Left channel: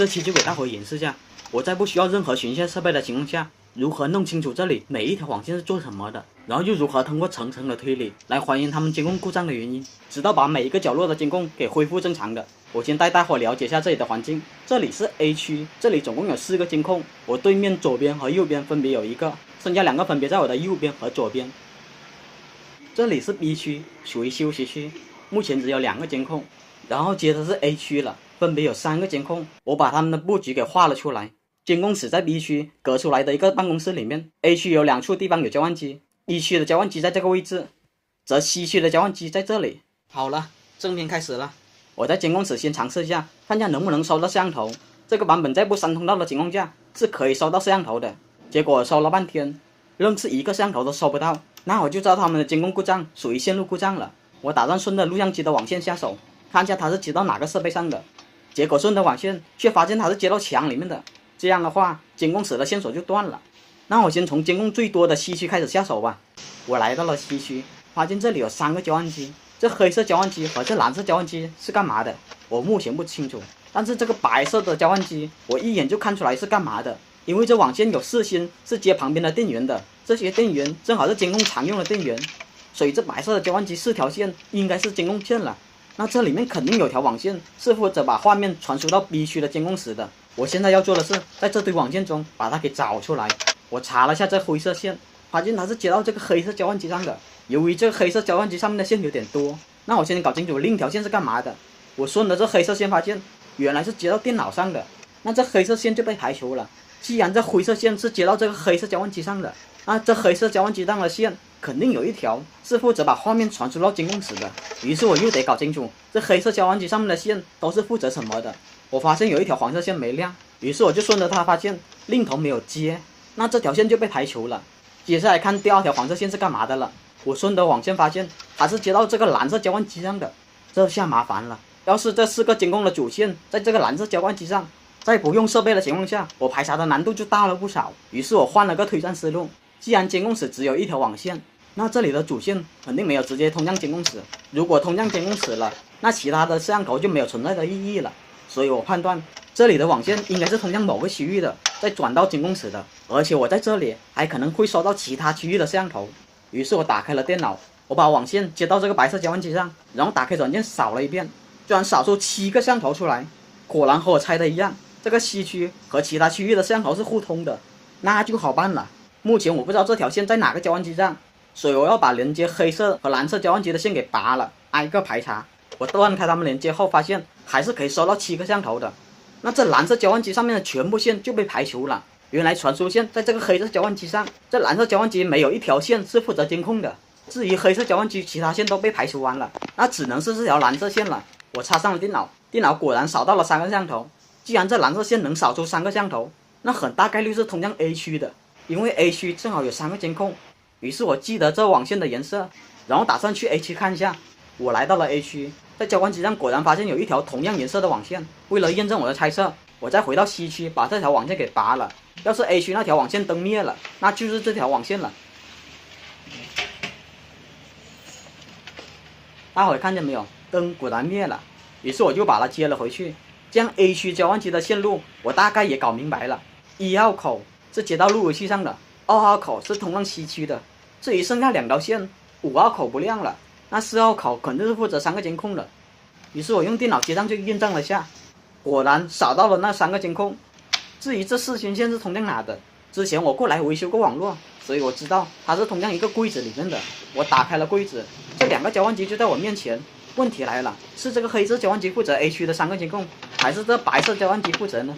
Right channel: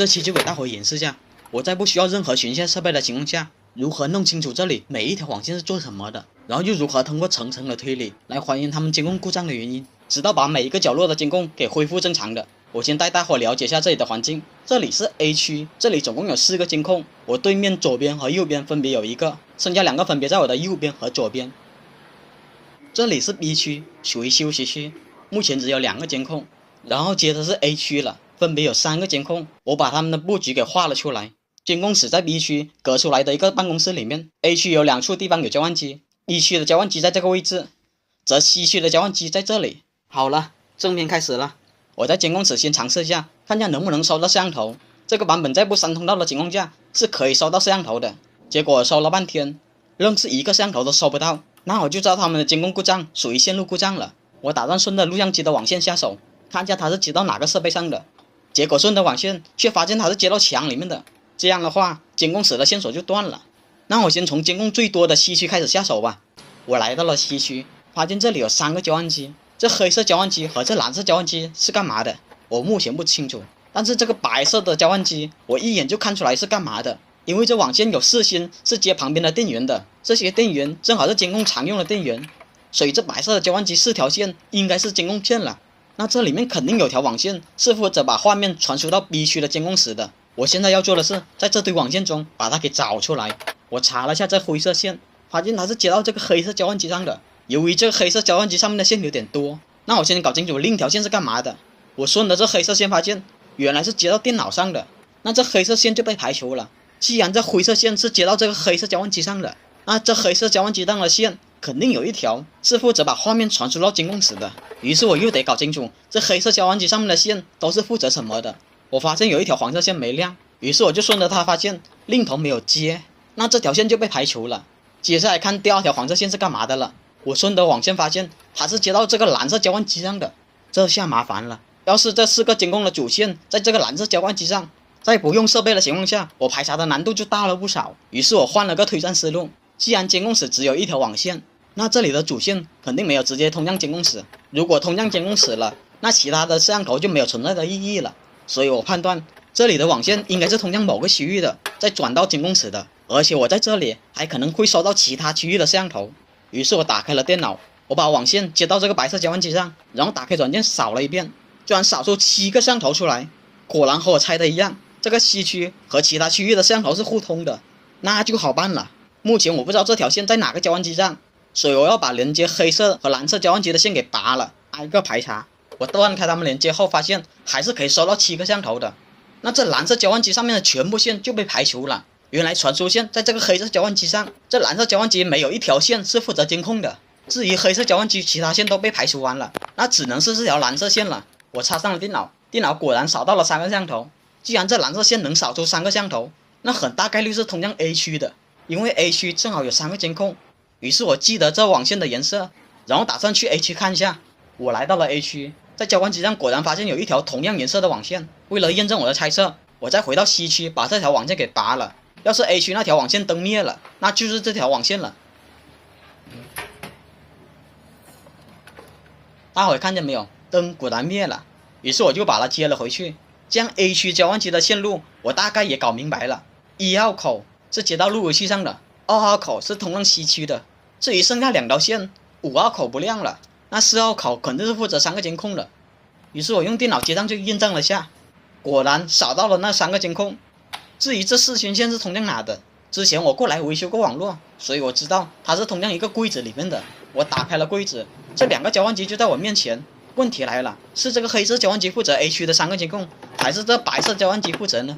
这期就给大伙演示下，我在不需要任何巡线设备的情况下，如何弄清楚这里每一条网线是做什么的，然后又如何通过层层的推理来还原它们监控故障的原因，直到把每一个角落的监控给恢复正常的。我先带大伙了解下这里的环境，这里是 A 区，这里总共有4个监控，我对面左边和右边分别有1个，剩下2个分别在我的右边和左边。这里是 B 区，属于休息区，目前只有2个监控，然后接着是 A 区了，分别有3个监控，我把它们的布局给画了出来。监控室在 B 区隔出来的一个办公室里面， A 区有2处地方有交换机， B 区的交换机在这个位置，则 C 区的交换机在这里。好了，正片开始了。我在监控室先尝试一下，看一下能不能收到摄像头。这个版本在不删通道的情况下是可以收到摄像头的，结果收了半天，愣是1个摄像头都收不到。那我就知道他们的监控故障属于线路故障了。我打算顺着录像机的网线下手，看一下它是接到哪个设备上的。结果顺着网线却发现它是接到墙里面的，这样的话监控室的线索就断了。那我先从监控最多的 C 区开始下手吧。我来到了 C 区，发现这里有3个交换机，这黑色交换机和这蓝色交换机是干嘛的我目前不清楚，但是这个白色的交换机我一眼就看出来是干嘛的，因为这网线有4芯是接旁边的电源的，这些电源正好是监控常用的电源，所以这白色的交换机4条线应该是监控线了。那这里面肯定有条网线是负责把画面传输到 B 区的监控室的。我现在要做的是在这堆网线中把它给找出来。我查了下这灰色线，发现它是接到这个黑色交换机上的。由于这个黑色交换机上面的线有点多，那我先搞清楚另一条线是干嘛的。我顺着这黑色线发现原来是接到电脑上的，那这黑色线就被排除了。既然这灰色线是接到这个黑色交换机上的，那这黑色交换机上的线肯定有一条是负责把画面传输到监控室的。于是我又得搞清楚这黑色交换机上面的线都是负责什么的。我发现有一条黄色线没亮，于是我就顺着它发现另一头没有接，那这条线就被排除了。接下来看第2条黄色线是干嘛的了。我顺着网线发现它是接到这个蓝色交换机上的，这下麻烦了。要是这4个监控的主线在这个蓝色交换机上，在不用设备的情况下，我排查的难度就大了不少。于是我换了个推断思路，既然监控室只有1条网线，那这里的主线肯定没有直接通向监控室，如果通向监控室了，那其他的摄像头就没有存在的意义了。所以我判断这里的网线应该是通向某个区域的，再转到监控室的，而且我在这里还可能会收到其他区域的摄像头。于是我打开了电脑，我把网线接到这个白色交换机上，然后打开软件扫了一遍，居然扫出7个摄像头出来。果然和我猜的一样，这个 C 区和其他区域的摄像头是互通的，那就好办了。目前我不知道这条线在哪个交换机上，所以我要把连接黑色和蓝色交换机的线给拔了，挨个排查。我断开它们连接后发现还是可以收到7个摄像头的，那这蓝色交换机上面的全部线就被排除了。原来传输线在这个黑色交换机上，这蓝色交换机没有1条线是负责监控的。至于黑色交换机其他线都被排除完了，那只能是这条蓝色线了。我插上了电脑，电脑果然扫到了3个摄像头。既然这蓝色线能扫出3个摄像头，那很大概率是通向 A 区的，因为 A 区正好有3个监控。于是我记得这网线的颜色，然后打算去 A 区看一下。我来到了 A 区，在交换机上果然发现有1条同样颜色的网线。为了验证我的猜测，我再回到 C 区把这条网线给拔了。要是 A 区那条网线灯灭了，那就是这条网线了。大伙看见没有？灯果然灭了。于是我就把它接了回去，这样 A 区交换机的线路我大概也搞明白了。1号口是接到路由器上的，2号口是通往 C 区的。至于剩下2条线，5号口不亮了，那4号口肯定是负责3个监控的。于是我用电脑接上去验证了下，果然扫到了那3个监控。至于这4根线是通向哪的，之前我过来维修过网络，所以我知道它是通向一个柜子里面的。我打开了柜子，这2个交换机就在我面前。问题来了，是这个黑色交换机负责 A 区的3个监控，还是这白色交换机负责呢？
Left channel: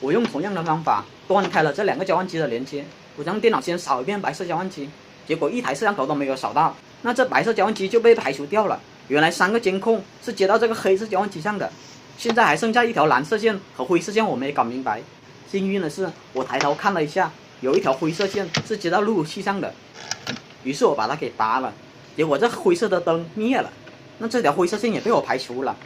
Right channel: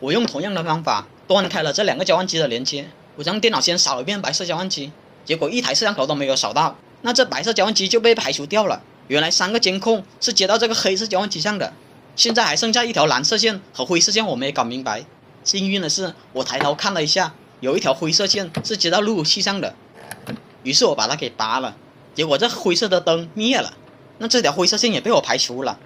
我用同样的方法断开了这2个交换机的连接，我让电脑先扫一遍白色交换机，结果1台摄像头都没有扫到，那这白色交换机就被排除掉了。原来3个监控是接到这个黑色交换机上的，现在还剩下1条蓝色线和灰色线我没搞明白。幸运的是我抬头看了一下，有1条灰色线是接到路由器上的，于是我把它给拔了，结果这灰色的灯灭了，那这条灰色线也被我排除了。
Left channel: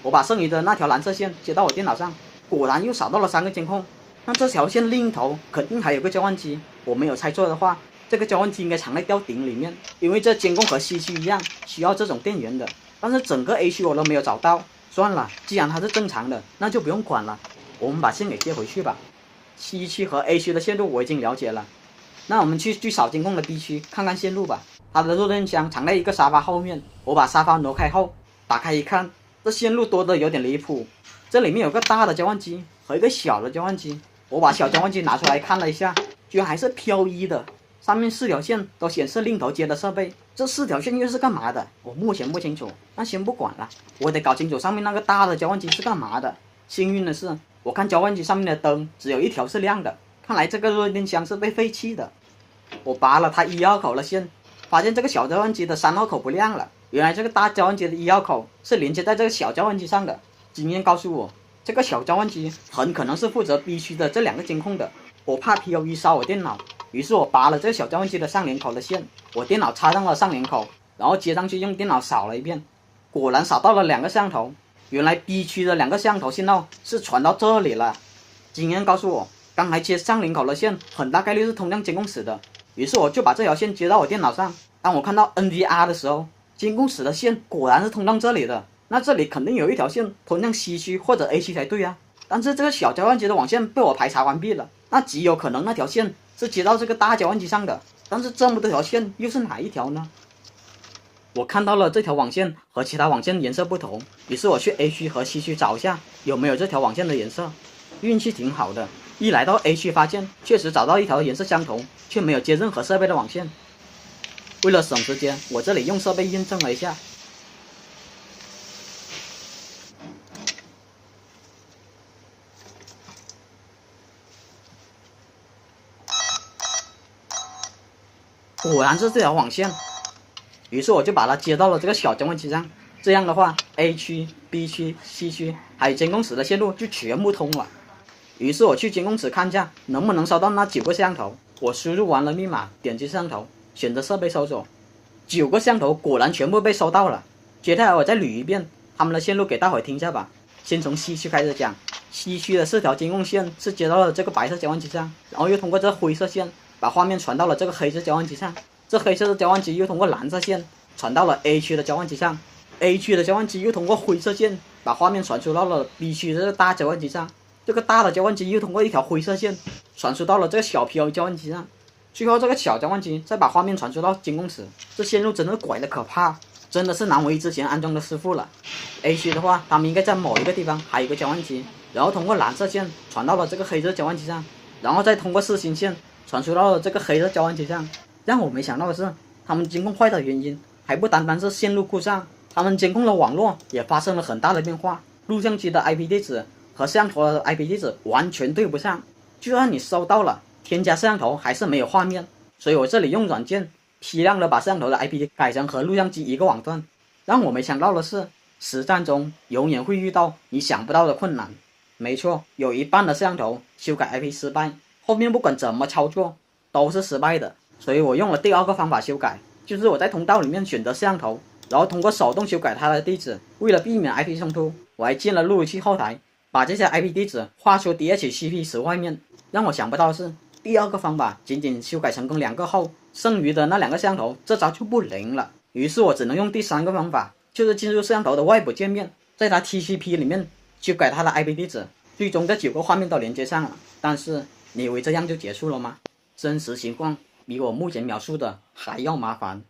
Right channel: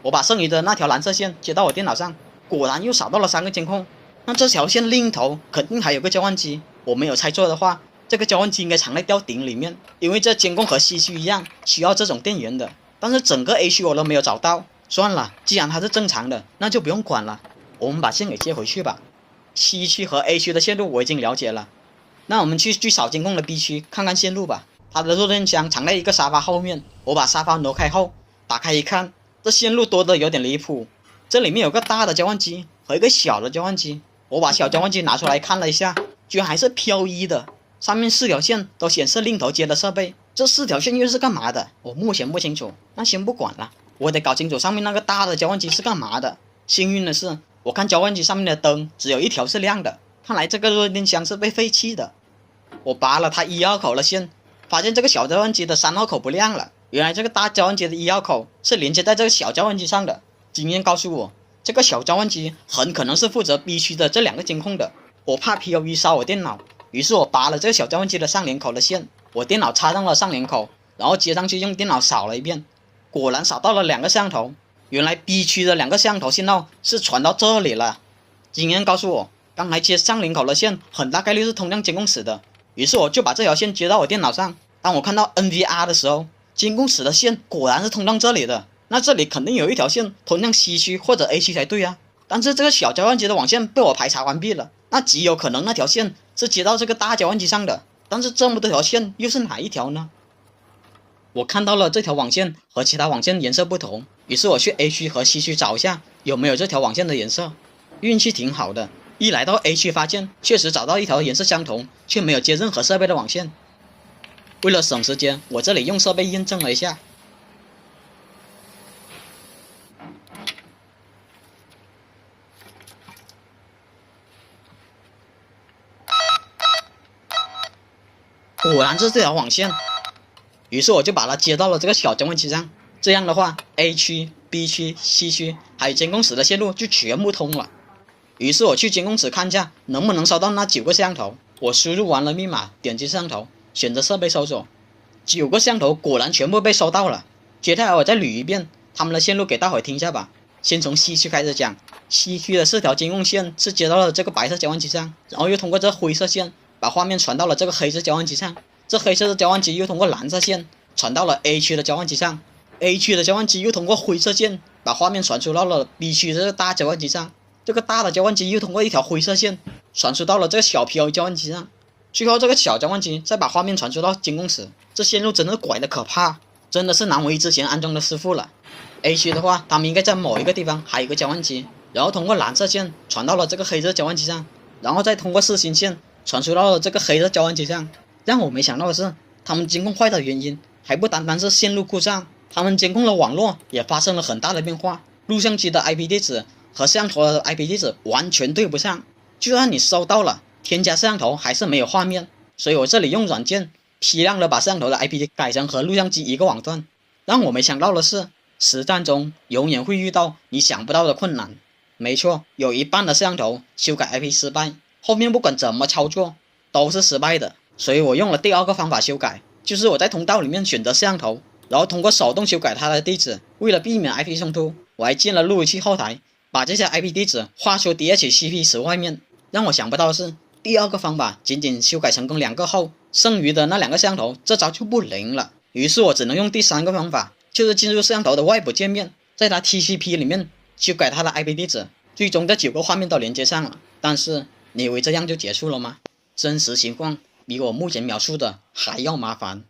我把剩余的那条蓝色线接到我电脑上，果然又扫到了3个监控，那这条线另一头肯定还有个交换机，我没有猜错的话，这个交换机应该藏在吊顶里面，因为这监控和 C 区一样需要这种电源的，但是整个 A 区我都没有找到。算了，既然它是正常的，那就不用管了。我们把线给接回去吧。C 区和 A 区的线路我已经了解了，那我们去最少监控的 B 区看看线路吧。它的弱电箱藏在一个沙发后面，我把沙发挪开后，打开一看，这线路多得有点离谱。这里面有个大的交换机和一个小的交换机，我把小交换机拿出来看了一下，居然还是漂移的，上面4条线都显示另头接的设备，这4条线又是干嘛的？我目前不清楚，那先不管了，我得搞清楚上面那个大的交换机是干嘛的。幸运的是，我看交换机上面的灯只有1条是亮的，看来这个弱电箱是被废弃的。我拔了它1号口的线，发现这个小交换机的3号口不亮了，原来这个大交换机的1号口是连接在这个小交换机上的。经验告诉我，这个小交换机很可能是负责 B 区的这2个监控的。我怕 POE 烧我电脑，于是我拔了这个小交换机的上连口的线，我电脑插上了上连口，然后接上去用电脑扫了一遍，果然扫到了2个摄像头。原来 B 区的2个摄像头信号是传到这里了。经验告诉我，刚才接上连口的线很大概率是通向监控室的，于是我就把这条线接到我电脑上。当我看到 NVR 的时候，监控室的线果然是通向这里的，那这里肯定有1条线通向 C 区或者 A 区才对啊。但是这个小交换机的网线被我排查完毕了，那极有可能那条线是接到这个大交换机上的，但是这么多条线又是哪一条呢？我看到了这条网线和其他网线颜色不同，于是我去 A 区和 C 区找一下有没有这条网线的颜色。运气挺好的，一来到 A 区发现确实找到1条颜色相同却没有接任何设备的网线。为了省时间，我这里用设备验证了一下，果然是这条网线。于是我就把它接到了这个小交换机上，这样的话 A 区、B 区、C 区还有监控室的线路就全部通了。于是我去监控室看一下能不能收到那9个摄像头。我输入完了密码，点击摄像头，选择设备搜索，9个摄像头果然全部被收到了。接下来我再捋一遍他们的线路给大伙听一下吧。先从 C 区开始讲， C 区的4条监控线是接到了这个白色交换机上，然后又通过这灰色线把画面传到了这个黑色交换机上，这黑色的交换机又通过蓝色线传到了 A 区的交换机上， A 区的交换机又通过灰色线把画面传输到了 B 区的这个大交换机上，这个大的交换机又通过1条灰色线传输到了这个小 POE 交换机上，最后这个小交换机再把画面传输到监控室。这线路真的拐得可怕，真的是难为之前安装的师傅了。A 区的话，他们应该在某一个地方还有一个交换机，然后通过蓝色线传到了这个黑色交换机上，然后再通过4星线传输到了这个黑色交换机上。让我没想到的是，他们监控坏的原因还不单单是线路故障，他们监控的网络也发生了很大的变化，录像机的 IP 地址和摄像头的 IP 地址完全对不上，就算你收到了添加摄像头还是没有画面。所以我这里用软件批量的把摄像头的 IP 改成和录像机一个网段。让我没想到的是，实战中永远会遇到你想不到的困难。没错，有一半的摄像头修改 IP 失败，后面不管怎么操作都是失败的。所以我用了第2个方法修改，就是我在通道里面选择摄像头，然后通过手动修改它的地址。为了避免 IP 冲突，我还建了路由器后台，把这些 IP 地址画出 DHCP 池外面。让我想不到的是，第2个方法仅仅修改成功2个后，剩余的那2个摄像头这招就不灵了。于是我只能用第3个方法，就是进入摄像头的外部界面，在它 TCP 里面修改它的 IP 地址，最终这9个画面都连接上了。但是你以为这样就结束了吗？真实情况比我目前描述的还要麻烦。